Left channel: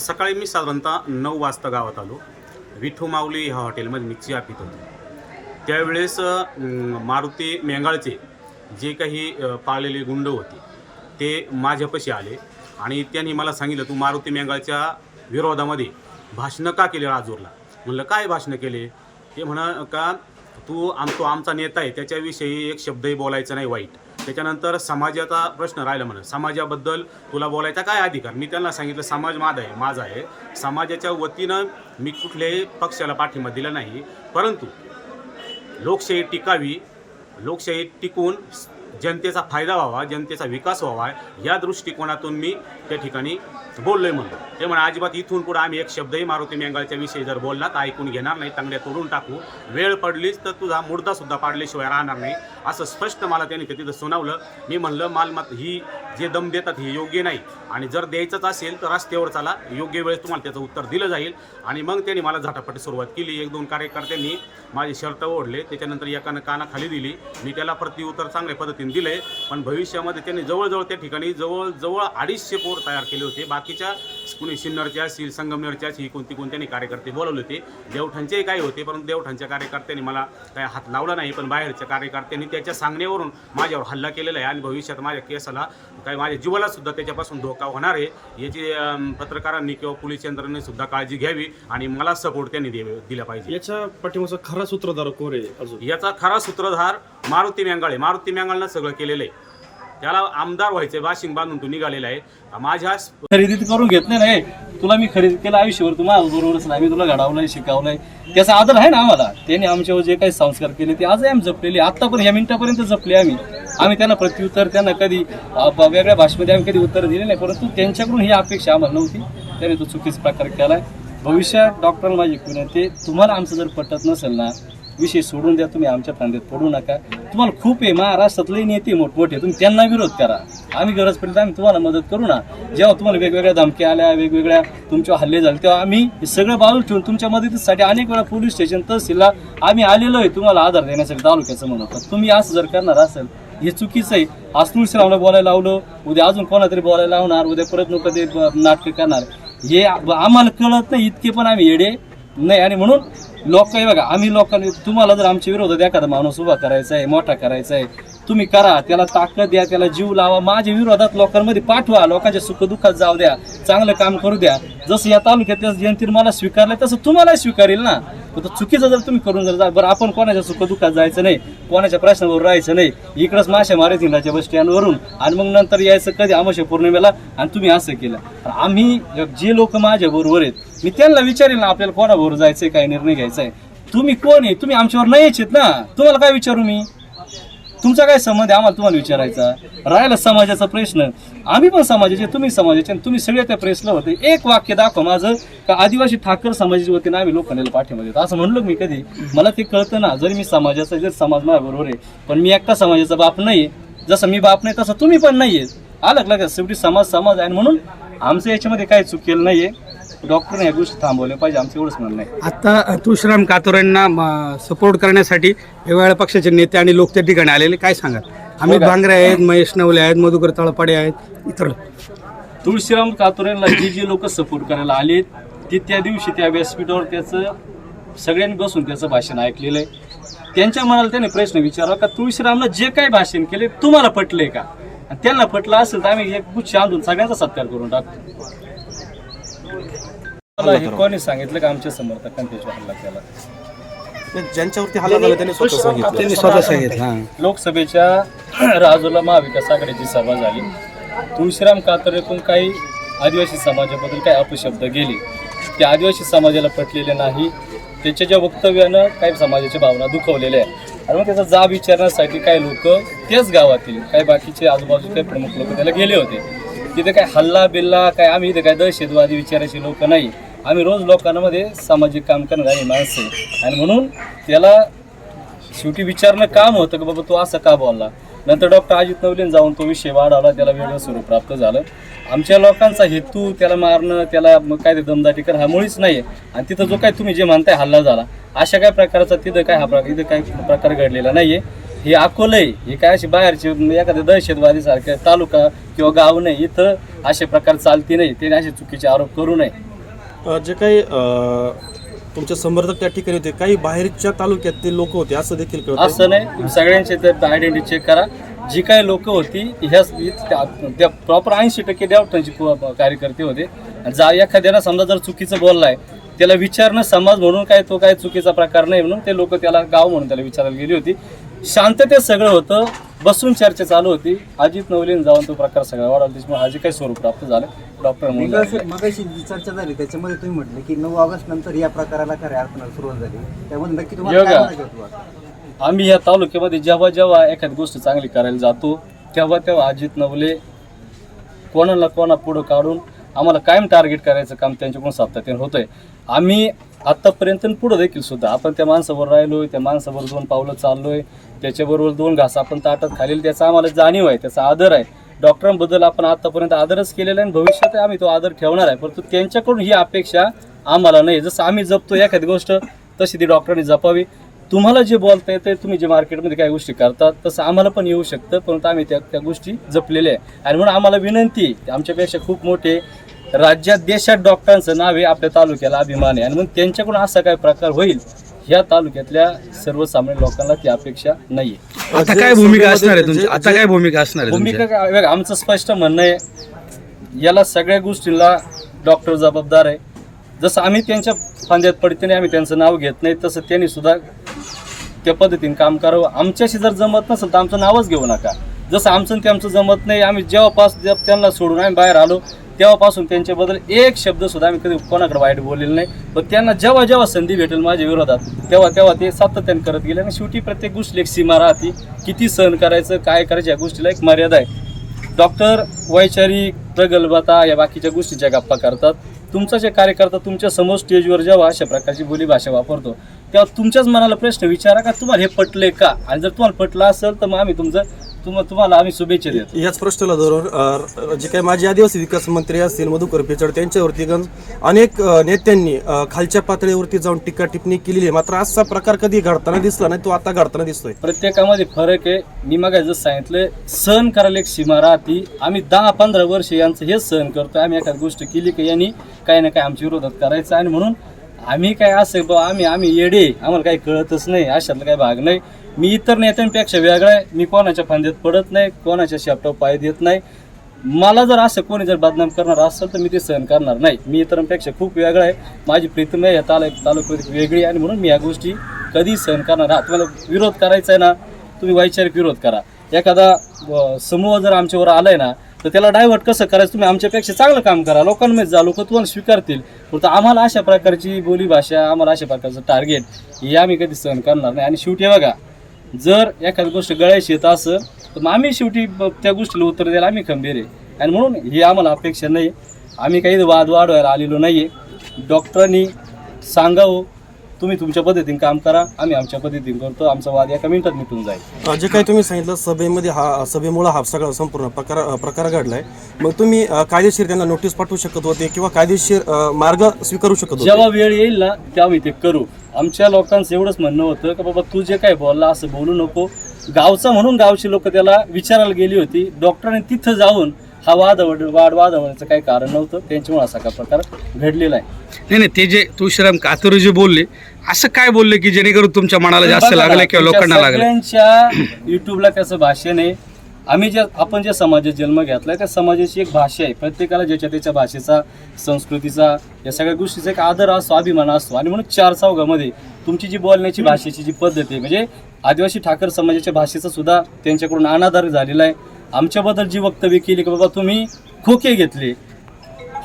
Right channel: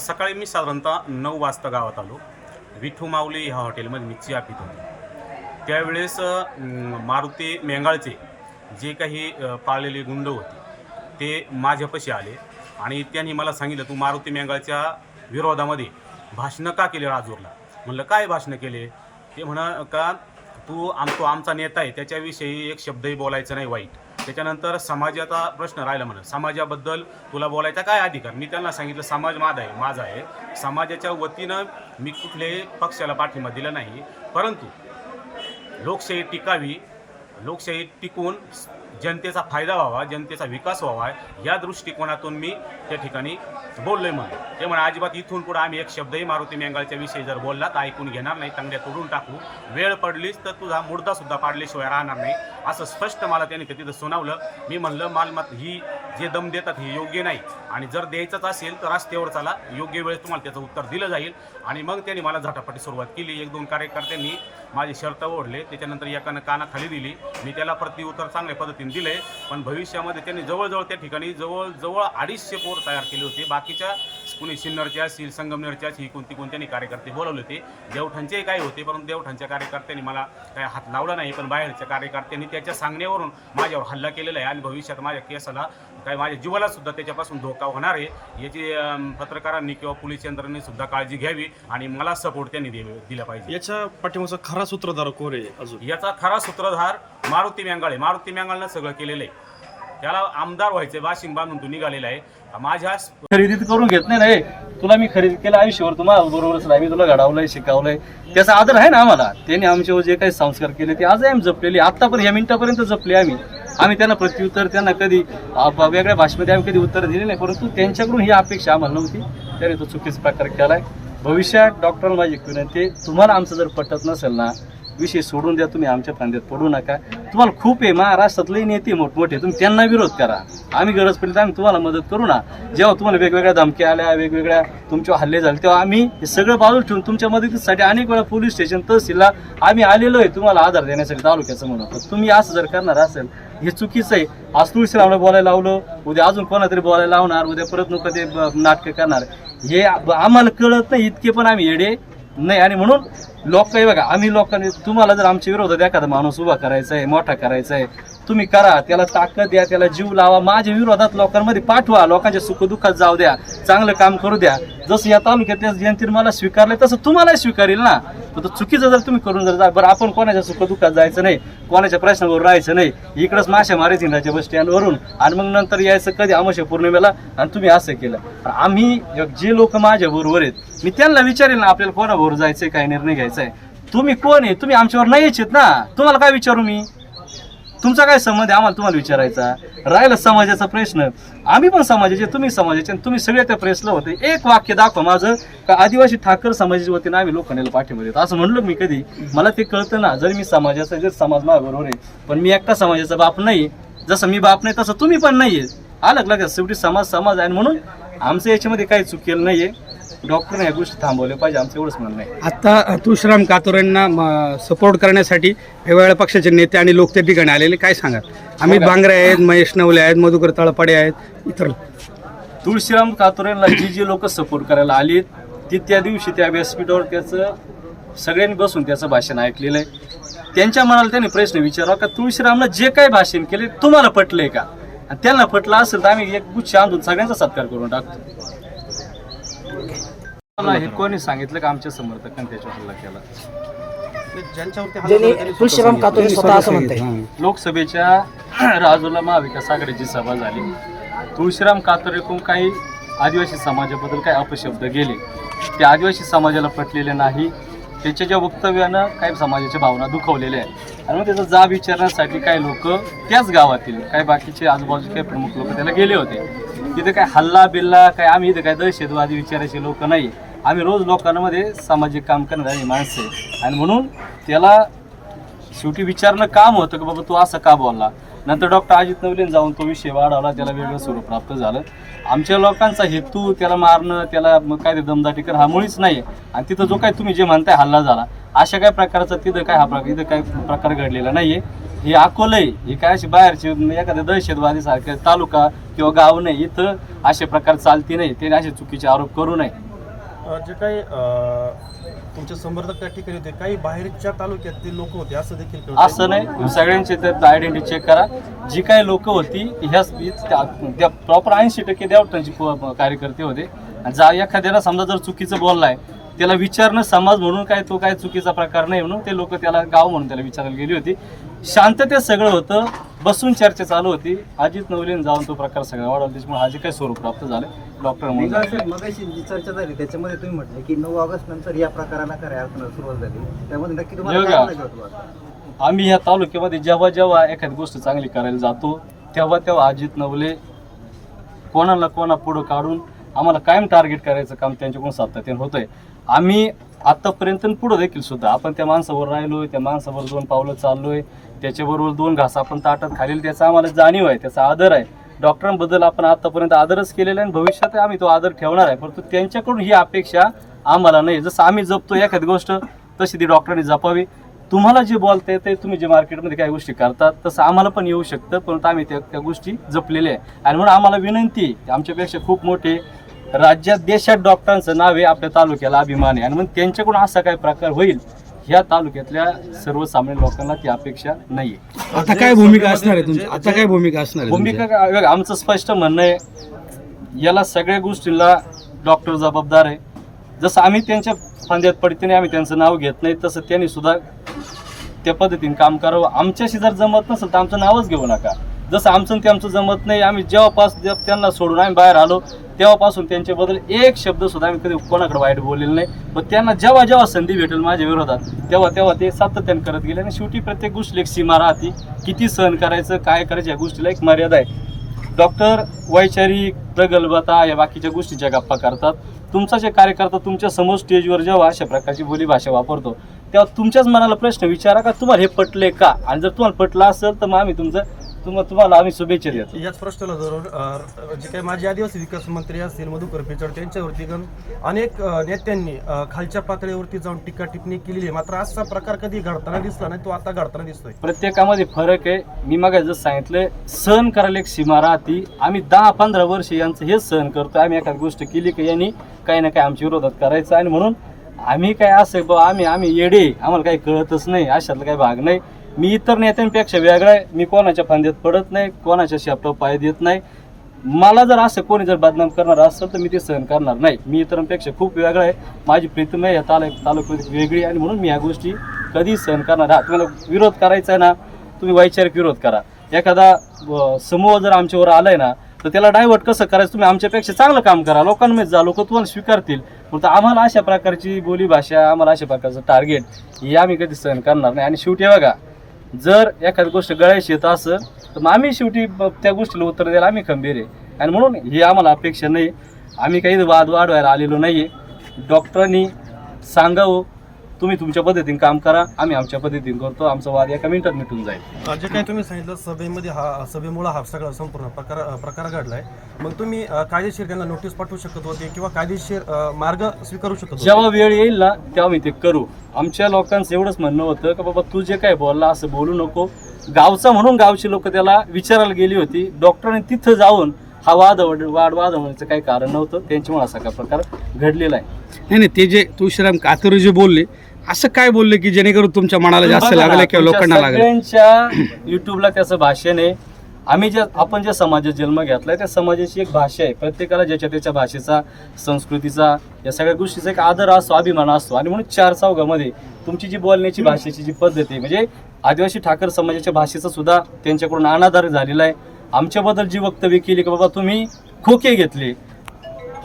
सकाळी मी साधारणतः नऊ वाजता गावात आलो. विठू माऊली ह्या हॉटेलमध्ये मी चहा पित होतो. त्यावेळेस मारुती मेंगाळचे जे काही पाळलेले गुंड होते ते माझ्यापाशी आले आणि त्यांनी मला सांगितलं तू मारुती मेंगाळच्या विरोधामध्ये भाषणं का केले राजूरला? म्हणलं काय भाषणं केले? ते म्हणा का तू आम तो आमचा नेता आहे त्याच्याविषयी एक शब्दही बोलायचा नाही वाईट. त्याच्यानंतर समाजाचा प्रश्न राहिला म्हणून समाजाबद्दल तुला बोलायचा काय अधिकार? मी त्यांना सांगितलं समाज माझा आहे माझा आहे. समाजाच्या वतीनं मी कुठल्याही पक्षाला पाठिंबा दिला नाही. परंतु लोकशाही टिकावी लोकशाही टिकून जनतेचा फायदा व्हावा जनतेचा विकास व्हावा या दृष्टिकोनातून मी त्या ठिकाणी बोललोय म्हणलो ते म्हणा अजिबात इथून पुढे आम्ही एक शब्दही मारुती मेंगाळच्या विषयी जर बोलला तर ऐकून घेणार नाही तांगड्या तोडून टाकू. वेळ पडलीच तर तुझा मुर्दासुद्धा पाडल्याशिवाय राहणार नाही. असं स्पष्ट मला त्यांनी तिथं सुनावलं. मी म्हणलं मालमत ही जे दम देतात हे योग्य नाही. आणि जर द्यायचंच असेल तर रस्त्यावर चला. योग्य वेळेस तुम्हाला त्याचं उत्तर दिलं जाईल. आणि मग त्यांनी मला झटापटी सुरुवात केली. एक दोन कार्यकर्त्यांनी माझे शर्ट ओढले. त्याच्यानंतर एकानं कानाखाली दिली. मी त्याला प्रतिउत्तर चांगल्या पद्धतीने दिले पण भविष्यामध्ये त्यांनी जवळजवळ त्या ठिकाणी जवळजवळ अडीचशे पोर तयार केले होते. बाकीच्या कुणी सिन्नरचे असतील संगमनेरचे असतील कोणती कोणत्यानी कार्यकर्ते बोलवले होते. देवठाणचेही काही होते परंतु देवठाणच्या कार्यकर्त्यांनी मला काही हात लावला नाही. पण बाहेरच्या कार्यकर्त्यांनी त्याच्या सांगण्यावरून माझ्यावर हल्ला केलेला आहे आणि भविष्यात माझ्या केसाला काही माझ्या जीवाला सुद्धा त्याच्यापासून धोका होणार आहे. याची पत्रकारांनी किंवा पोलीस यंत्रणेने सुद्धा काळजी घ्यावी आणि मला सपोर्ट त्यांनी दिला पाहिजे. याच्या पाठीमागचा खरा सूत्रधार कोण आहे अजून? याचा खरा सूत्रधार मारुती मेंगाळे मारुती मेंगाळनं सगळं केलेलं आहे. त्याला आमदार व्हायचंय वाशिंग बांधून तो निघालेला आहे. माझ्या खरेदी करून घेत नाही तुला मी खरेदी केलं आयुष्यभर तुम्हाला बरोबरच नाही मी तुला घडवलंय शिकवलंय. त्याचा आदर आहे ना आम्हाला. त्यांनी आमच्यावर जे काही संस्कार केले ते आजही आम्ही जपलेले आतापर्यंत या मिनिटापर्यंत जपले आम्ही. आम्ही त्यांना प्रत्युत्तर त्यांना कधी वेगळ्या भाषेमध्ये आम्ही कधी उत्तर दिले नाही परंतु त्यांच्याकडून ही अपेक्षा आम्हाला नव्हती. त्याने तो चुकीचा प्रकार केलाय. भविष्यात डॉक्टर माझी विनंती तुम्हाला आमचं जर पटत नसेल ना विषय सोडून द्या तुम्ही आमच्या फांद्यात पडू नका. तुम्हाला खूप आहे महाराष्ट्रातले नेते मोठमोठे तुम्ही त्यांना विरोध करा. आम्ही गरज पडली तर आम्ही तुम्हाला मदत करू ना. जेव्हा तुम्हाला वेगवेगळ्या धमक्या आल्या वेगवेगळ्या तुमच्यावर हल्ले झाले तेव्हा आम्ही हे सगळं बाजूला ठेवून तुमच्या मदतीसाठी अनेक वेळा पोलीस स्टेशन तहसीलला आम्ही आलेलो आहे. तुम्हाला आधार देण्यासाठी तालुक्याचं म्हणून. तुम्ही असं जर करणार असेल हे चुकीचं आहे. आज तुळशी लावणं बोलायला लावलं उद्या अजून कोणातरी बोलायला लावणार उद्या परत नको ते नाटकं करणार. हे आम्हाला कळत नाही इतके पण आम्ही येडे नाही. आणि म्हणून लोक काही बघा आम्ही लोकांनी तुम्हाला जर आमच्या विरोधात एखादा माणूस उभा करायचा आहे मोठा करायचा आहे तुम्ही करा त्याला ताकद द्या त्याला जीव लावा माझ्या विरोधात लोकांमध्ये पाठवा लोकांच्या सुखदुःखात जाऊ द्या चांगलं काम करू द्या. जसं या तालुक्यातल्या जनतेने मला स्वीकारलं तसं तुम्हालाही स्वीकारेल ना. तर चुकीचं जर तुम्ही करून जर जा बरं आपण कोणाच्या सुखदुःखात जायचं नाही कोणाच्या प्रश्नावर राहायचं नाही इकडंच माशा मारे इंद्राच्या बस स्टँडवरून आणि मग नंतर यायचं कधी अमावस्या पौर्णिमेला आणि तुम्ही असं केलं. आम्ही जे लोक माझ्याबरोबर आहेत मी त्यांना विचारेल ना आपल्याला कोणाबरोबर आहे काय निर्णय घ्यायचा आहे तुम्ही कोण आहे? तुम्ही आमच्यावर नाही यायचेत ना. तुम्हाला काय विचारू मी? तुमचा काय संबंध आहे? आम्हाला तुम्हाला विचारायचा राहिला समाजाचा प्रश्न. आम्ही पण समाजाचे तुम्ही समाजाचे आणि तुम्ही सगळे त्या प्रेसला होते. एक वाक्य दाखवा माझं का आदिवासी ठाकर समाजाच्या वतीने आम्ही लोकांना पाठिंबा देतो. असं म्हणलो मी कधी? मला ते कळतं ना. जरी मी समाजाचा जर समाज बरोबर आहे पण मी एकटा समाजाचा बाप नाही. जसं मी बाप नाही तसं तुम्ही पण नाही आहे आलं का लक्षात शेवटी समाज समाज आहे म्हणून आमचं याच्यामध्ये काही चुकेल नाही आहे डॉक्टरने या गोष्टी थांबवल्या पाहिजे. आमचं एवढंच म्हणणं आहे. आता तुळशीराम कातोरेंना सपोर्ट करण्यासाठी वेगवेगळ्या पक्षाचे नेते आणि लोक त्या ठिकाणी आलेले. काय सांगा अमित भांगरे आहेत महेश नवले आहेत मधुकर तळपाडे आहेत इतर तुळशीराम कातोरेला जी जी लोक सपोर्ट करायला आली ती त्या दिवशी त्या व्यासपीठावर त्याचं सगळ्यांनी बसून त्याचं भाषण ऐकलेलं आहे. त्यांच्या मनाला त्यांनी प्रश्न विचारावा का तुळशीरामनं जे काही भाषण केले तुम्हाला पटलंय का? आणि त्यांना पटलं असेल तर आम्ही एक गुच्छ आणून सगळ्यांचा सत्कार करून टाकतो. मला हे कोणी सांगितलं का आमच्या समर्थकांनी त्याच्यावर हल्ला केला? ज्यांच्यावरती हल्ला झाला त्यांनी स्वतः सांगितलं. त्यांनी स्वतः सांगितलं लोकसभेच्या राजूला महाविकास आघाडीची सभा झाली. तुळशीराम कातरेकडून काही आदिवासी समाजाबद्दल काही अपशब्द गेले. ते आदिवासी समाजाला पटलेले नाही. त्याच्या ज्या वक्तव्यानं काही समाजाच्या भावना दुखवलेल्या आहे आणि मग त्याचा जाब विचारण्यासाठी काही लोक त्याच गावातील काही बाकीचे आजूबाजूचे काही प्रमुख लोक त्याला गेले होते. तिथे काय हल्ला बिल्ला काय आम्ही इथे काय दहशतवादी विचारायचे लोक नाही. आम्ही रोज लोकांमध्ये सामाजिक काम करणारी माणसं आहे. आणि म्हणून त्याला शेवटी विचारणं काम होतं की बाबा तू असं का बोलला? नंतर डॉक्टर अजित नवलेन जाऊन तो विषय वाढवला त्याला वेगळं स्वरूप प्राप्त झालं. आमच्या लोकांचा हेतू त्याला मारणं त्याला मग काय ते दमदाटी करणं हा मुळीच नाही आणि तिथं जो काय तुम्ही जे म्हणताय हल्ला झाला. अशा काय प्रकारचा तिथं काय हा प्रकार इथं काही प्रकार घडलेला नाही आहे हे अकोलं आहे. हे काय अशी बाहेरचे एखाद्या दहशतवादी सारखे तालुका किंवा गाव नाही इथं असे प्रकार चालती नाही. त्याने असे चुकीचे आरोप करू नये. जे काही तुमच्या तुमचे समर्थक त्या ठिकाणी होते काही बाहेरच्या तालुक्यातील लोक होते असं देखील असं नाही. सगळ्यांचे तर आयडेंटिटी चेक करा. जी काही लोक होती ह्या त्या प्रॉपर ऐंशी टक्के देवटांची कार्यकर्ते होते. आणि जा एखाद्याला समजा जर चुकीचं बोललाय त्याला विचारणं समाज म्हणून काय तो काय चुकीचा प्रकार नाही म्हणून ते लोक त्याला गाव म्हणून त्याला विचारायला गेली होती. शांततेत सगळं होतं. बसून चर्चा चालू होती. अजित नवलेन जाऊन तो प्रकार सगळा वाढवला. त्याच्यामुळे हा जे काही स्वरूप प्राप्त झालं डॉक्टर म्हणून. मगाशी जी चर्चा झाली त्याच्यामध्ये तुम्ही म्हटले की नऊ ऑगस्ट नंतर या प्रकाराला अर्थ सुरुवात झाली. त्यामध्ये नक्की तुम्हाला योगा. आम्ही ह्या तालुक्यामध्ये जेव्हा जेव्हा एखादी गोष्ट चांगली करायला जातो तेव्हा तेव्हा अजित नवले कोणाला कोणा पुढं काढून आम्हाला कायम टार्गेट करायचं काम त्यांच्याकडून सातत्याने होतंय. आम्ही आत्तापर्यंत पुढं देखील सुद्धा. आपण त्या माणसावर राहिलोय त्या माणसावर दोन पावलं चाललोय त्याच्याबरोबर दोन घास आपण ताटात खालील त्याचा आम्हाला जाणीव आहे त्याचा आदर आहे. डॉक्टरांबद्दल आपण आतापर्यंत आदरच केलेला आहे आणि भविष्यात आम्ही तो आदर ठेवणार आहे. परंतु त्यांच्याकडून ही अपेक्षा आम्हाला नाही. जसं आम्ही जपतो एखादी गोष्ट तशी ती डॉक्टरांनी जपावी. तुम्हाला जे बोलता येते तुम्ही जे मार्केटमध्ये काही गोष्टी करतात तसं आम्हाला पण येऊ शकतं. परंतु आम्ही त्या त्या गोष्टी जपलेल्या आहे. आणि म्हणून आम्हाला विनंती आमच्यापेक्षा खूप मोठे राज्यात देशात डॉक्टरांचं नाव आहे आपल्या तालुक्याला अभिमान आहे. आणि म्हणून त्यांच्याकडून असा काय प्रकार होईल ह्या तालुक्यातल्या सर्वसामान्य लोकांना ती अपेक्षा नाही आता काय भूमिका असणार आहे तुमची? आता काय भूमिका असणार आहे भूमिका काय- आमचं स्पष्ट म्हणणं आहे याला सगळ्या गोष्टींना डॉक्टर जबाबदार आहे. जसं आम्ही त्यांच्या फांद्यात पडते नाही आम्ही त्यांचं नाव घेत नाही तसं त्यांनी सुद्धा त्या पद्धतीने काम करावं. आमच्याशी जर जमत नसेल तर आमचं नावच घेऊ नका. जसं आमचं आणि त्यांचं जमत नाही आम्ही जेव्हापास जे- त्यांना सोडून आम्ही बाहेर आलो तेव्हापासून त्यांच्याबद्दल एक शब्द सुद्धा आम्ही कधी कोणाकडे वाईट बोललेलं नाही. पण त्यांना जेव्हा जेव्हा संधी भेटेल माझ्या विरोधात तेव्हा तेव्हा ते सातत्याने करत गेले. आणि शेवटी प्रत्येक गोष्टी एक सीमा राहते. किती सहन करायचं काय करायचं या गोष्टीला एक मर्यादा आहे. डॉक्टर वैचारिक प्रगल्भता या बाकीच्या गोष्टीच्या गप्पा करतात. तुमचा जे कार्यकर्ता तुमच्यासमोर स्टेजवर जेव्हा अशा प्रकारची बोलीभाषा वापरतो तेव्हा तुमच्याच मनाला प्रश्न विचारा का तुम्हाला हे पटले का? आणि जर तुम्हाला पटलं असेल तर मग आम्ही तुमचं तुम तुम्हाला आम्ही शुभेच्छा देतो. याच प्रश्नाला धरून जे काही माजी आदिवासी विकास मंत्री असतील मधुकर पिचड त्यांच्यावरती गण अनेक नेत्यांनी खालच्या पातळीवरती जाऊन टीका टिप्पणी केलेली आहे. मात्र असा प्रकार कधी घडताना दिसला नाही तो आता घडताना दिसतोय. प्रत्येकामध्ये फरक आहे. मी मग जसं सांगितलं सहन करायला एक सीमा राहते. आम्ही दहा पंधरा वर्ष यांचं हेच सहन करतो आम्ही एखादी गोष्ट केली की यांनी काही ना काही आमच्या विरोधात करायचं. आणि म्हणून आम्ही काय असं बा आम्ही आम्ही येडे आम्हाला काही कळतच नाही अशातला काही भाग नाही. मी इतर नेत्यांपेक्षा वेगळा आहे. मी कोणाच्या फांद्यात पडत नाही कोणाच्या शेपटाव पाय देत नाही. मला जर असं कोणी जर बदनाम करणार असेल तर मी ते सहन करणार नाही. मी इतरांपेक्षा खूप वेगळा आहे. माझी प्रीतम आहे या तालु तालुक्यात वेगळी आहे आणि म्हणून मी या गोष्टी कधी सहन करणार हा तुम्हाला विरोध करायचा आहे ना तुम्ही वैचारिक विरोध करा. एखादा समूह जर आमच्यावर आलाय ना तर त्याला डायव्हर्ट कसं करायचं? तुम्ही आमच्यापेक्षा चांगलं काम करा. लोकांमध्ये जा लोक तुम्हाला स्वीकारतील. तर आम्हाला अशा प्रकारची बोलीभाषा आम्हाला अशा प्रकारचं टार्गेट हे आम्ही कधी सहन करणार नाही. आणि शेवटी बघा जर एखादी गोष्ट गळायची येत असं तर मग आम्ही शेवटी त्या गोष्टीला उत्तर द्यायला आम्ही खंबीर आहे. आणि म्हणून ही आम्हाला अपेक्षा नाही. आम्ही काही वाद वाढवायला आलेलो नाही आहे डॉक्टरांनी सांगावं तुम्ही तुमच्या पद्धतीने काम करा आम्ही आमच्या पद्धतीने करतो आमचा वाद एका मिनिटात मिटून जाईल. जे काही तुम्ही सांगितलं सभेमध्ये हा सभेमुळे हा सगळा संपूर्ण प्रकार प्रकार घडलाय. मग तुम्ही अ, कायदेशीर त्यांना नोटीस पाठवू शकत होते किंवा कायदेशीर अ, मार्ग स्वीकारू शकत होते? जेव्हा वेळ येईल ना तेव्हा मी ते करू. आमच्या लोकांचं एवढंच म्हणणं होतं की बाबा तू जे काय बोलला असं बोलू नको. गावचा म्हणून गावची लोक त्याला विचारायला गेली होती. डॉक्टरांनी तिथं जाऊन हा वाद वाद वाद होण्याचं काही कारण नव्हतं. त्यांच्यामुळे असा का प्रकार घडलेला आहे. नाही नाही ते जे तुळशीराम कातोरे जे बोलले असं काय बोलले की जेणेकरून तुमच्या मनाला जास्त लागलं किंवा लोकांना लागलं? युट्यूबला त्याचं भाषण आहे आम्ही जे आपण ज्या समाजात जन्म घेतलाय त्या समाजाची एक भाषा आहे. प्रत्येकाला ज्याच्या त्याच्या भाषेचा संस्कृतीचा या सगळ्या गोष्टीचा एक आदर असतो अभिमान असतो आणि म्हणून चार चौघामध्ये तुमची जी बोलण्याची भाषेची जी पद्धत आहे म्हणजे आदिवासी ठाकर समाजाच्या भाषेचा सुद्धा त्यांच्याकडून अनादर झालेला आहे. आमच्याबद्दल जी वक्तव्य केली की बाबा तुम्ही खोके घेतले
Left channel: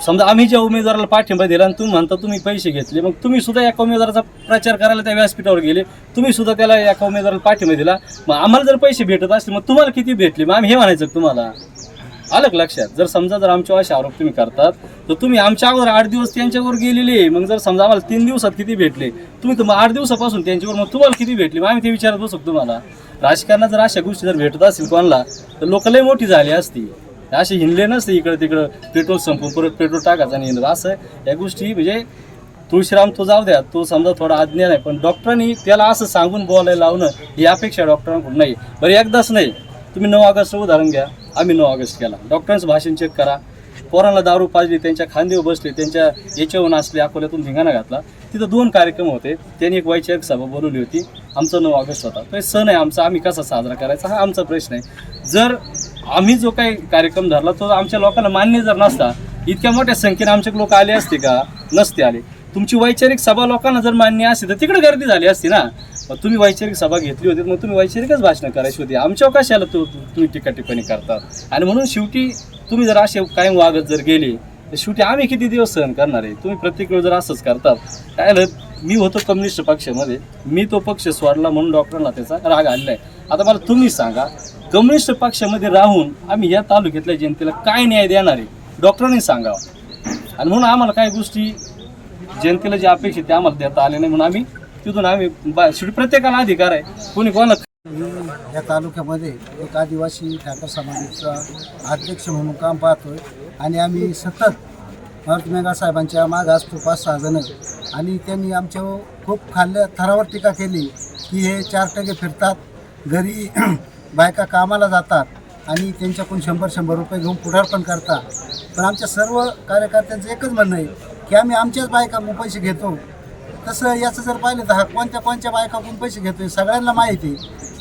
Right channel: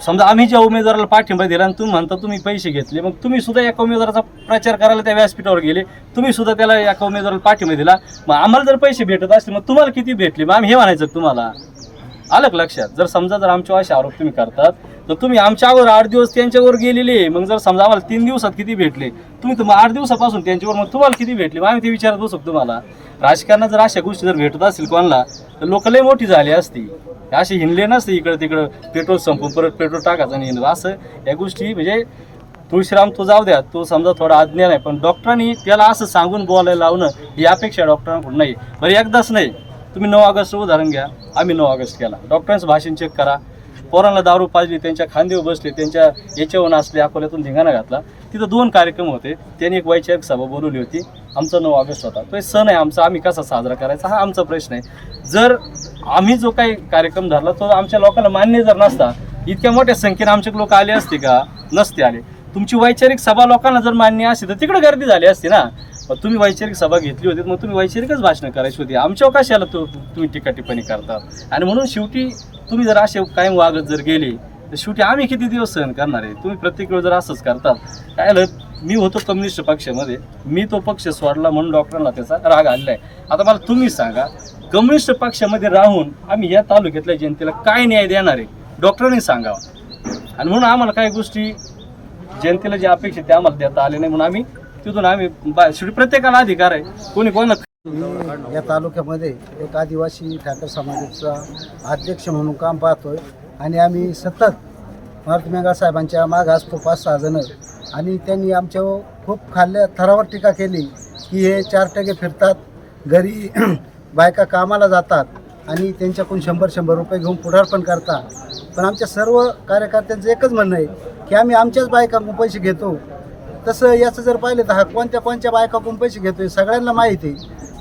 समजा आम्ही ज्या उमेदवाराला पाठिंबा दिला आणि तुम्ही म्हणता तुम्ही पैसे घेतले मग तुम्ही सुद्धा एका उमेदवाराचा प्रचार करायला त्या व्यासपीठावर गेले तुम्ही सुद्धा त्याला एका उमेदवाराला पाठिंबा दिला मग आम्हाला जर पैसे भेटत असले मग तुम्हाला किती भेटले? मग आम्ही हे म्हणायचं तुम्हाला? आलं लक्षात? जर समजा जर आमच्यावर असे आरोप तुम्ही करतात तर तुम्ही आमच्यावर आठ दिवस त्यांच्यावर गेलेले मग जर समजा आम्हाला तीन दिवसात किती भेटले तुम्ही तर आठ दिवसापासून त्यांच्यावर मग तुम्हाला किती भेटले? मग आम्ही ते विचारत बसू तुम्हाला? राजकारणात जर अशा गोष्टी जर भेटत असतील कोणाला तर लोक लय मोठी झाली असती. असे हिंडले नसते इकडं तिकडं. पेट्रोल संपून परत पेट्रोल टाकायचं आणि हिंडलं. असं या गोष्टी म्हणजे तुळशीराम तो जाऊ द्या. तो समजा थोडा आज्ञा आहे पण डॉक्टरांनी त्याला असं सांगून बोलायला लावणं ही अपेक्षा डॉक्टरांकडून नाही. बरं एकदाच नाही. तुम्ही नऊ ऑगस्ट उदाहरण घ्या. आम्ही नऊ ऑगस्ट केला. डॉक्टरांचं भाषण चेक करा. पोरांना दारू पाजली त्यांच्या खांदेवर बसले त्यांच्या याच्यावर नाचले अकोल्यातून धिंगाणा घातला. तिथं दोन कार्यक्रम होते. त्यांनी एक वैचारिक सभा बोलवली होती. आमचा नऊ ऑगस्ट होता. तो सण आहे आमचा. आम्ही कसा साजरा करायचा हा आमचा प्रश्न आहे. जर आम्ही जो काही कार्यक्रम धरला तो आमच्या लोकांना मान्य जर नसता इतक्या मोठ्या संख्येने आमचे लोक आले असते का? नसते आले. तुमची वैचारिक सभा लोकांना जर मान्य असते तर तिकडे गर्दी झाली असती ना? मग तुम्ही वैचारिक सभा घेतली होती मग तुम्ही वैचारिकच भाषणं करायची होती. आमच्या कशाला तो तुम्ही टीका टिप्पणी करतात. आणि म्हणून शेवटी तुम्ही जर असे कायम वागत जर गेले तर शेवटी आम्ही किती दिवस सहन करणार आहे? तुम्ही प्रत्येक वेळ जर असंच करतात काय मी होतो कम्युनिस्ट पक्षामध्ये. मी तो पक्ष सोडला म्हणून डॉक्टरांना त्याचा राग आलेला आहे. आता मला तुम्ही सांगा कम्युनिस्ट पक्षामध्ये राहून आम्ही या तालुक्यातल्या जनतेला काय न्याय देणार आहे डॉक्टरांनी सांगावा. आणि म्हणून आम्हाला काही गोष्टी जनतेला जे अपेक्षित ते आम्हाला देता आले नाही म्हणून आम्ही तिथून आम्ही बा शेवटी प्रत्येकाला अधिकार आहे कोणी कोणाला मी या तालुक्यामध्ये एक आदिवासी ठाकर समाजाचा अध्यक्ष म्हणून काम पाहतोय. आणि आम्ही सतत भारत मेघा साहेबांच्या मागं असतो पाच सहा जणं. आणि त्यांनी आमच्या खूप खाल्ल्या थरावर टीका केली की हे चार टगे फिरतात. घरी बायका कामाला जातात आणि त्यांच्याकडून शंभर शंभर रुपये घेऊन पुढारपण करतात. पण आमच्या सर्व कार्यकर्त्यांचं एकच म्हणणं आहे की आम्ही आमच्याच बायकाकडून पैसे घेतो. तसं याचं जर पाहिलं तर हा कोणत्या कोणत्या बायकाकडून पैसे घेतो आहे सगळ्यांना माहिती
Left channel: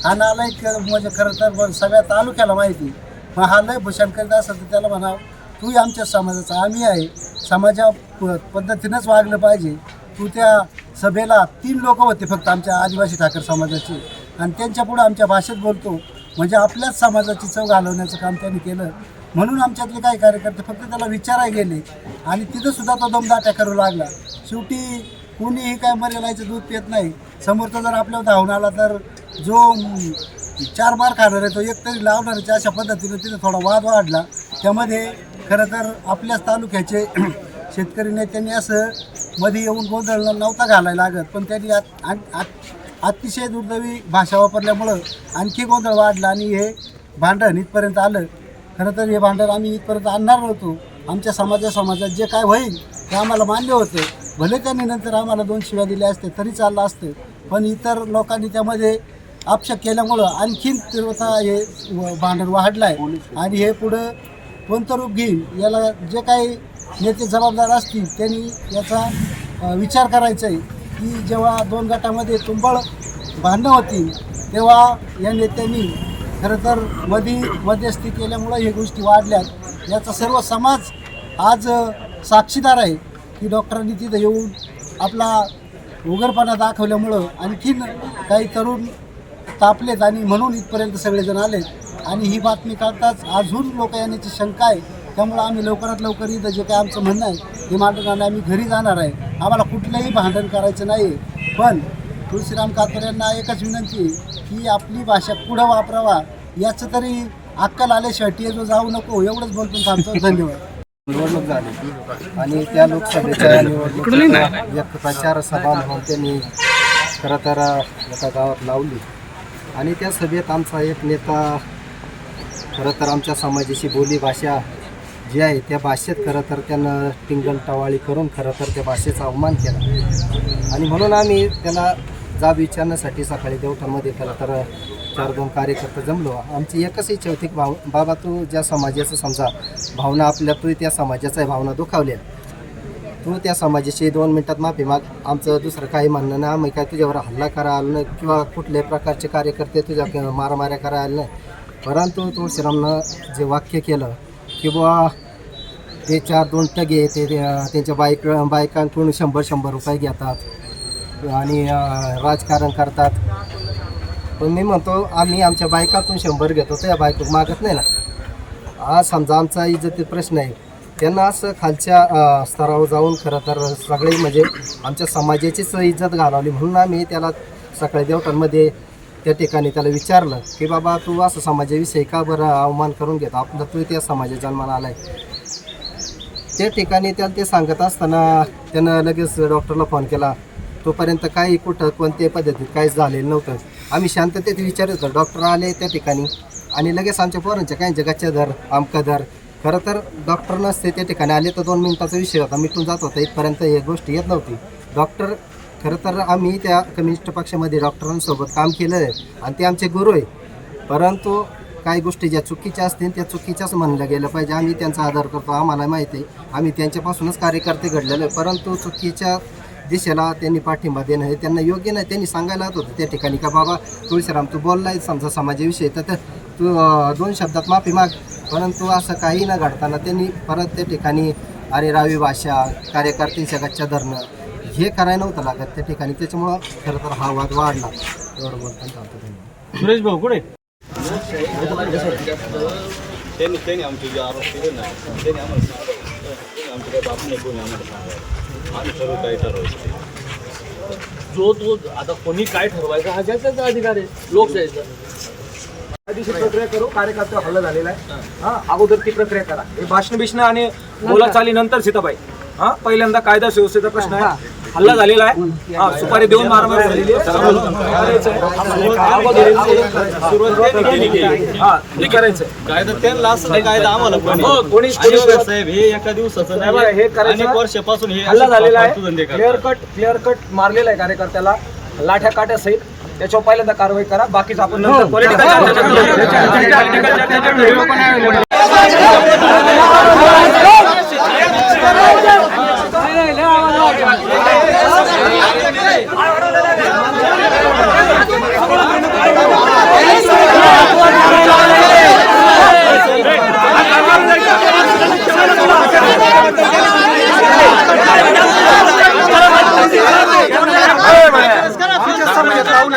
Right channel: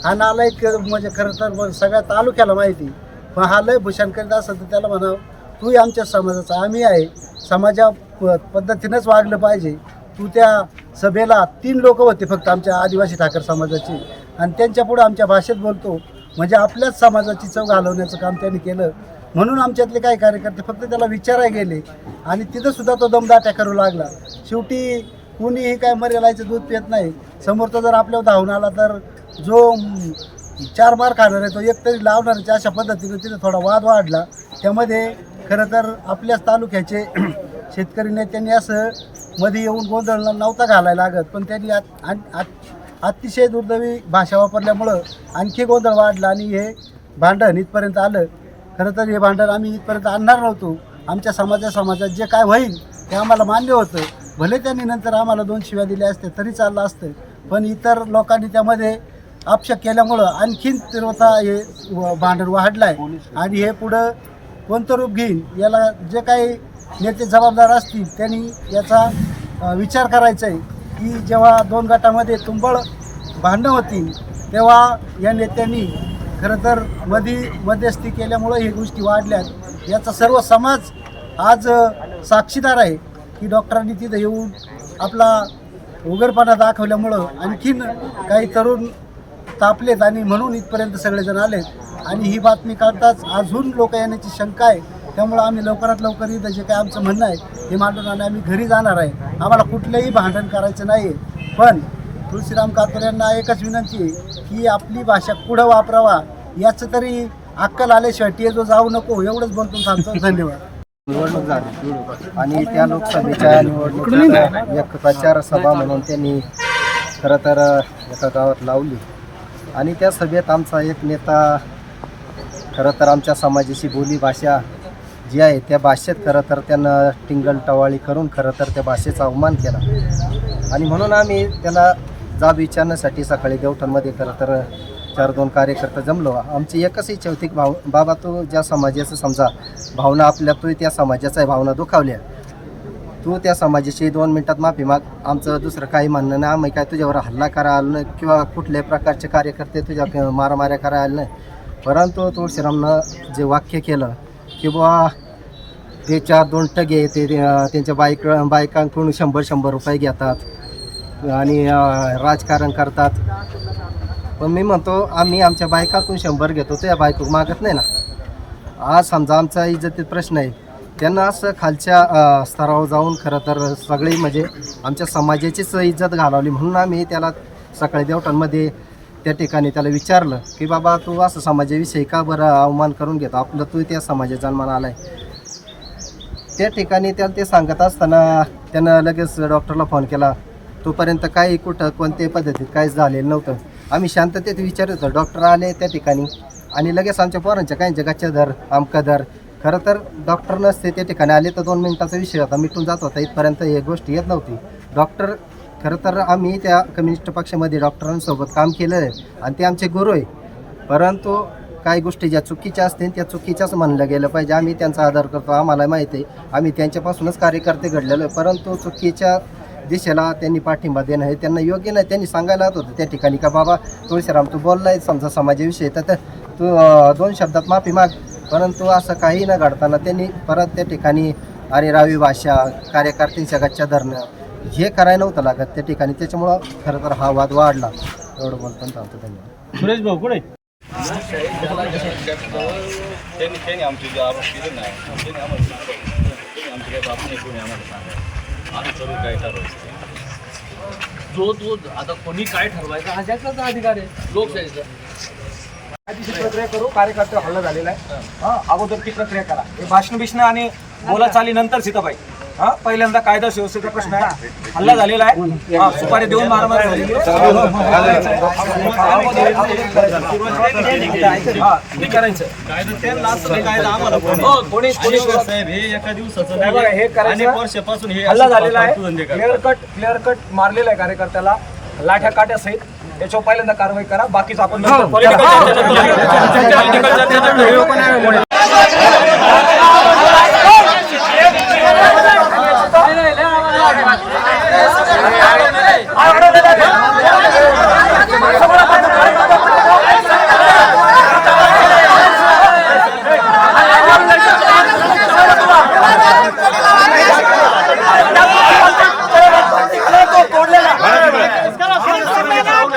हा नालायक म्हणजे खरं तर सगळ्या तालुक्याला माहिती पण हा लय भूषण करीत असेल तर त्याला म्हणावं तूही आमच्या समाजाचा आम्ही आहे. समाजा प- पद्धतीनंच वागलं पाहिजे. तू त्या सभेला तीन लोक होते फक्त आमच्या आदिवासी ठाकर समाजाची. आणि त्यांच्या पुढं आमच्या भाषेत बोलतो. म्हणजे आपल्याच समाजाची चव घालवण्याचं काम त्यांनी केलं. म्हणून आमच्यातले काही कार्यकर्ते फक्त त्याला विचाराय गेले. आणि तिथं सुद्धा तो दमदाट्या करू लागला. शेवटी कुणीही काय मर्यालायचं दूध पित नाही. समोरचा जर आपल्यावर धावून आला तर जो चार मार खाणार आहे तो एक तरी लावणारच अशा पद्धतीनं तिथं थोडा वाद वाढला. त्यामध्ये खरं तर आपल्याच तालुक्याचे शेतकरी नेत्यांनी असं मध्ये येऊन गोंधळ नव्हता घालायला लागत. पण त्यांनी आत- आत- अतिशय दुर्दैवी भाषा वापरल्यामुळं आणखी गोंधळ वाढला आणि हे भांडण इथपर्यंत आलं. खरं तर हे भांडण आम्ही इथपर्यंत आणणार नव्हतो. आमच्या समाजा समाजात जे काय होईल ते आम्हाला मान्य होतं. भले त्यांनी नंतर आम्हाला दोन शिव्या दिल्या असते तरी चाललं असतं. पण इतर लोकांनी त्यामध्ये अपशक केल्यामुळं आणखीन तीव्रता हे व- भांडण वाढलं आहे आणि हे पुढं कोणतं रूप घेईल याला जे काही नेते जबाबदार असतील त्यांनी याचा विचार करायचा आहे की जेव्हा दोन गटामध्ये तुंबळ भांडणं होती तेव्हा या नेत्यांनी खरं तर मधी मध्यस्थी केल्यामुळं हे गोष्टी वाढल्यात. याचा सर्व समाज आज साक्षीदार आहे की डॉक्टरांनी तिथं येऊन आपला उघडपणा दाखवल्यामुळं आणखीन काही तरुण तापलेत आणि म्हणून इथपर्यंत सगळेजण आलेत. आणि ही बातमी काढताच अजून लोक येण्याची शंका आहे त्यामुळं आम्ही लवकरात लवकर इथं जे काही आमचं म्हणणं आहे हे मांडून आणि आम्ही घरी जाणार आहे. आम्हाला कुठलंही भांडण करायचं नाही पण तुळशीराम कातोर यांना एकच विनंती आहे की आपली भाषा पुढं वापरावा. याचं तरी अक्कल आल्याशिवाय टी जो जाऊ नको एवढंच बोलतो थांबतो धन्यवाद. निवडणूक झाली. आणि त्या लोकसभेच्या निवडणुकीचा एक प्रचार सभा म्हणून त्यांनी खरं तर एका गावात लावली. आणि त्या सभेत आमचा एक नेता खरं तर आमच्या समाजाची बोली भाषा जे आहे त्या भाषेत खरं तर त्यानं टिंगल टवाळी करून खरं तर त्या भाषेचा अवमान केला. आणि म्हणून आम्ही त्याला जाब विचारण्यासाठी सकाळी देवठणमध्ये खरं तर चार दोन कार्यकर्ता जमलो. आमची एकच इच्छा होती की बाबा तू ज्या समाजाचं समजा भावना आपल्या तू त्या समाजाचा भावना दुखावल्या. तू त्या समाजाची दोन मिनटात माफी माग. आमचं दुसरं काही म्हणणं नाही. आम्ही काय तुझ्यावर हल्ला करा आलं नाही किंवा कुठल्याही प्रकारचे कार्यकर्ते तुझ्या मारामाऱ्या करा आले नाही. परंतु तुळशीरामनं जे वाक्य केलं की बुवा ते चार दोन टगे ते त्यांच्या बायक बायकांकडून शंभर शंभर रुपये घेतात आणि राजकारण करतात. पण मी म्हणतो आम्ही आमच्या बायकाकडून शंभर घेतो त्या बायको मागत नाही ना. आज समजा आमचा इज्जतीत प्रश्न आहे त्यांना असं खालच्या स्तरावर जाऊन खरं तर सगळे म्हणजे आमच्या समाजाचीच इज्जत घालवली म्हणून आम्ही त्याला सकाळी देवटांमध्ये त्या ठिकाणी त्याला विचारलं की बाबा तू असं समाजाविषयी का बरं अवमान करून घेतो? आपलं तू त्या समाजात जन्माला आलाय. त्या ठिकाणी त्याला ते सांगत असताना त्यानं लगेच डॉक्टरला फोन केला. तोपर्यंत काही कुठं कोणत्याही पद्धतीत काहीच झालेलं नव्हतं. आम्ही शांततेत विचारत होतो डॉक्टर आले त्या ठिकाणी? आणि लगेच आमच्या पोरांच्या काही जगाच्या दर आमका दर खरं तर डॉक्टर नसते त्या ठिकाणी आले तर दोन मिनिटाचा विषय होता. मिटून जात होता. इथपर्यंत हे गोष्ट येत नव्हती. डॉक्टर खरं तर आम्ही त्या कम्युनिस्ट पक्षामध्ये डॉक्टरांसोबत काम केलं आहे आणि ते आमचे गुरु आहे. परंतु काही गोष्टी ज्या चुकीच्या असतील त्या चुकीच्याच म्हणलं गेलं पाहिजे. आम्ही त्यांचा आदर करतो आम्हाला माहिती आहे. आम्ही त्यांच्यापासूनच कार्यकर्ते घडलेलो आहे. परंतु चुकीच्या दिशेला त्यांनी पाठिंबा देणं हे त्यांना योग्य नाही. त्यांनी सांगायला होतं त्या ठिकाणी का बाबा तुळशीराम तू बोललाय समजा समाजाविषयी तर तू दोन शब्दात माफी माग. परंतु असं काही न घडताना त्यांनी परत त्या ठिकाणी अरे रावी भाषा कार्यकर्त्यांच्या गच्च्या धरणं हे करायला नव्हतं लागत त्या ठिकाणी त्याच्यामुळं खरं तर हा वाद वाढला. एवढं बोलताना चालतो धन्यवाद. सुरेश भाऊ कुठे त्यांनी त्यांनी आमचे जे आरोप केले ना त्यांनी आम्हाला सांगावं. कोणी आमचे काही बाप नाही कोणी आम्हाला आम्ही सर्व काही ठरवायचं ते. जो तो आता कोणी काय ठरवायचा हा ज्याचा अधिकार आहे लोकशाहीचा. कायदेशीर प्रक्रिया करू कार्यकर्ते हल्ला झालेला आहे. हा. अगोदर ती प्रक्रिया करा. हे भाषण बिषण आणि बोलाचाली नंतर सीताबाई. हा पहिल्यांदा कायदा सुव्यवस्थेचा प्रश्न आहे हल्ला झालेला आहे हा सुपारी देऊन मारामार झालेली आहे. करायचंय. अगोदर- अगोदर करायचं. सुरुवातीला हा ते करायचंय कायदा त्यांना असं नाही कायदा आम्हाला पण हो, कोणी- कोणी आणि सुरुवात- साहेब हे एका दिवसाचं हे बघा, हे नाही करायचं- अनेक वर्षापासून हे हल्ला झालेला आहे क्लिअर. कट क्लिअर कट मारलेला आहे कार्यकर्त्याला लाठ्या काट्या सहित त्याच्यावर पहिल्यांदा कारवाई करा बाकीचं आपण नंतर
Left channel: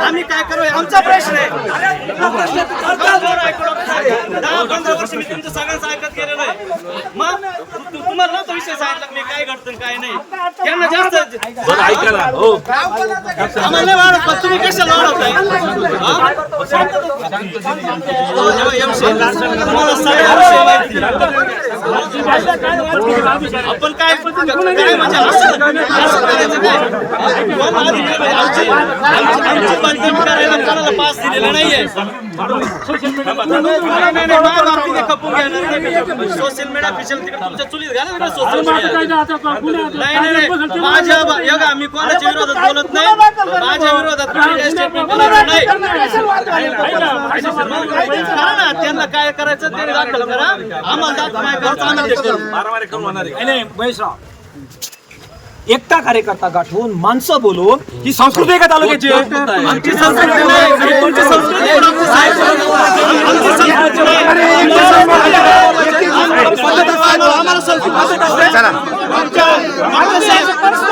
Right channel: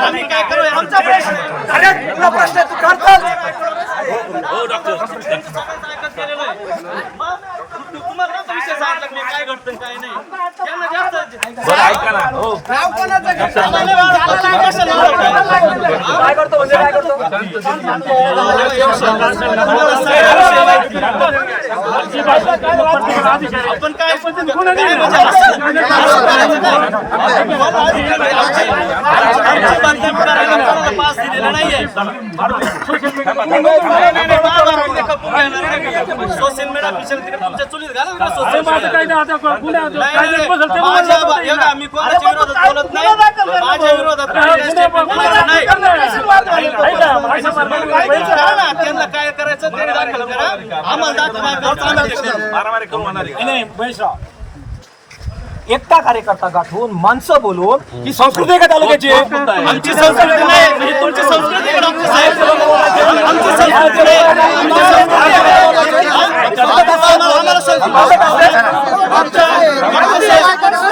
आम्ही काय करू? आमचा प्रश्न आहे. प्रश्न तू करतात सगळ्यांचं ऐकत गेलेलं आहे मग तुम्हाला नव्हतं विषय सांगितलं की काय नाही. त्यांना जास्त बरं ऐका ना. हो. आपण काय काय म्हणजे असं आमची बांधकाम करायला कोणाला पास दिलेला नाहीये खपून घेणार नाही सोशल मीडिया ऑफिशियल तिकडे तुमच्या चुलीत घाला ना सोशल मीडिया नाही नाही नाही. माझ्या हे बघा, मी कोणाच्या विरोधात बोलत नाही माझ्या विरोधात स्टेटमेंट बोलायचं नाही मग करा ना त्यांना काय करायचं ते दाखल करा आम्हाला दाखल काय करायचं आम्ही ते करू नाही, नाही महेशराव एकटा कार्यकर्ता गाठवून माणसं बोलून ही संस्कृती आहे का तालुक्याची आमची संस्कृती नाही ही तुमची संस्कृती साहेब आमची संस्कृती नाही आहे. आम्हाला संस्कृती. आमच्या साहेब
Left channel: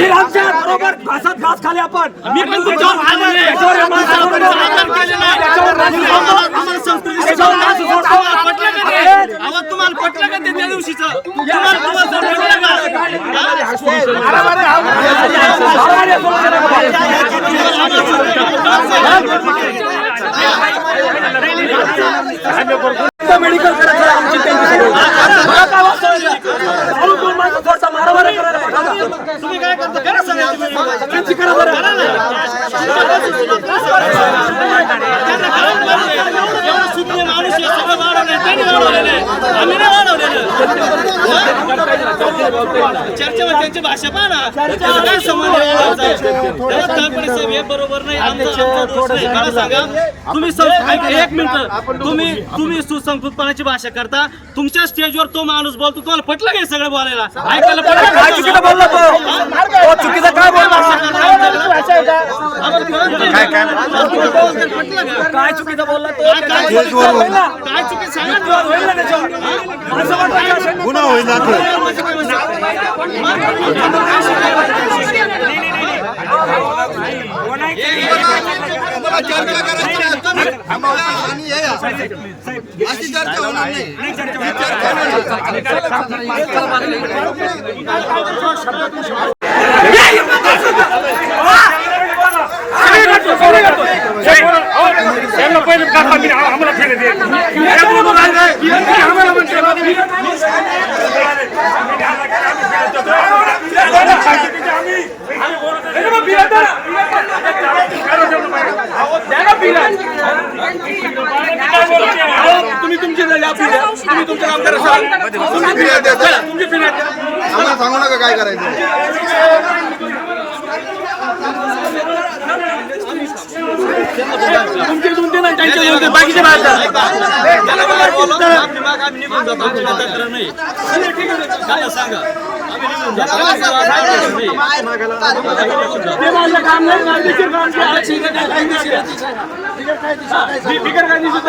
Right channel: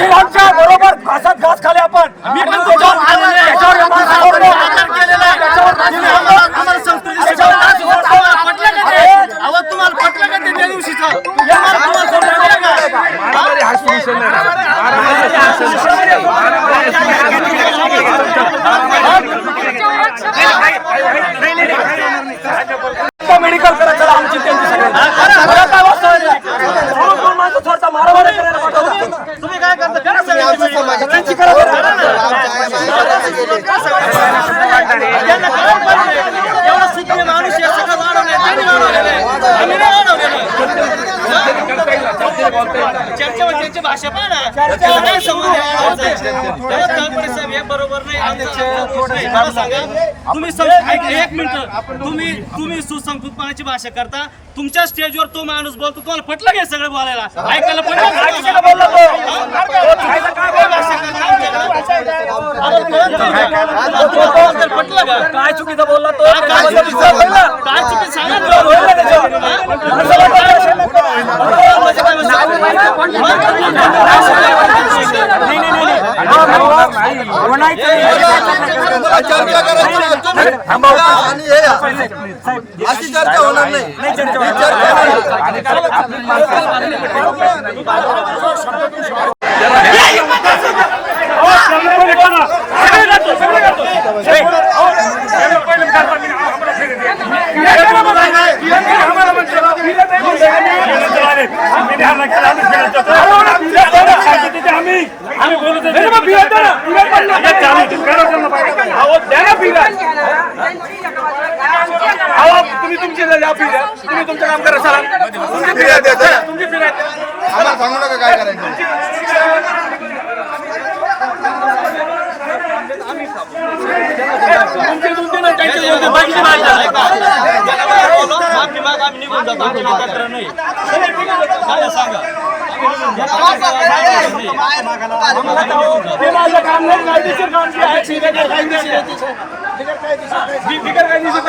तुमच्या बरोबर घासात घास खाले आपण मी पण आदर केलेला आम्हाला संस्कृती तुम्हाला पटलं का ते? त्या दिवशीच मेडिकल करत चला आमची त्यांची सगळी मला काय वाटतं दोन माणसं थोडसा मारामारी करायला पाठवता तुम्ही काय करता करा सगळ्यांची. सगळ्यांची करा बरं करा ना. तुमच्यापासून सुरुवात करा सगळ्यांची. त्यांना कळलं पाहिजे. एवढं सुखी माणूस आहे, सगळं वाढवलंय. त्यांनी वाढवलेलं आहे. आम्ही नाही वाढवलेलं. चर्चा म्हणजे त्यांची भाषा पहा ना त्याला काय संबंध तळपडे साहेब हे बरोबर नाही आमचा आमचा दोष नाही मला सांगा तुम्ही एक मिनिट तुम्ही तुम्ही सुसंस्कृतपणाची भाषा करता तुमच्या स्टेजवर तो माणूस बोलतो तुम्हाला पटलं काय सगळं बोलायला ऐकायला पटलं का तुम्हाला? हा? काय भाषा करता काय चुकीचं बोलला तो काय चुकीचं होईल ना? काय चुकीचं सांगा ना. होईल ना त्याच्यावर हा? असं वाटतं का असेल ना? नाही, नाही, नाही, नाही. अशी चर्चा होणार नाही तुम्ही तुमची या फिर्या तुम्ही तुमच्या कामगार करा तुमची फिर्या द्या तुमची फिर्या द्या आम्हाला सांगू नका काय करायचं. तुमचे दोन त्यांचे दोन बाकीचे माफी माग, आम्ही निघून जातो आमची तक्रार नाही सांगा आम्ही निघून जातो आम्ही निघून जातो ते माझं काम नाही कायदेशीर काम जे आहे, आहे. बिगर कायदेशीर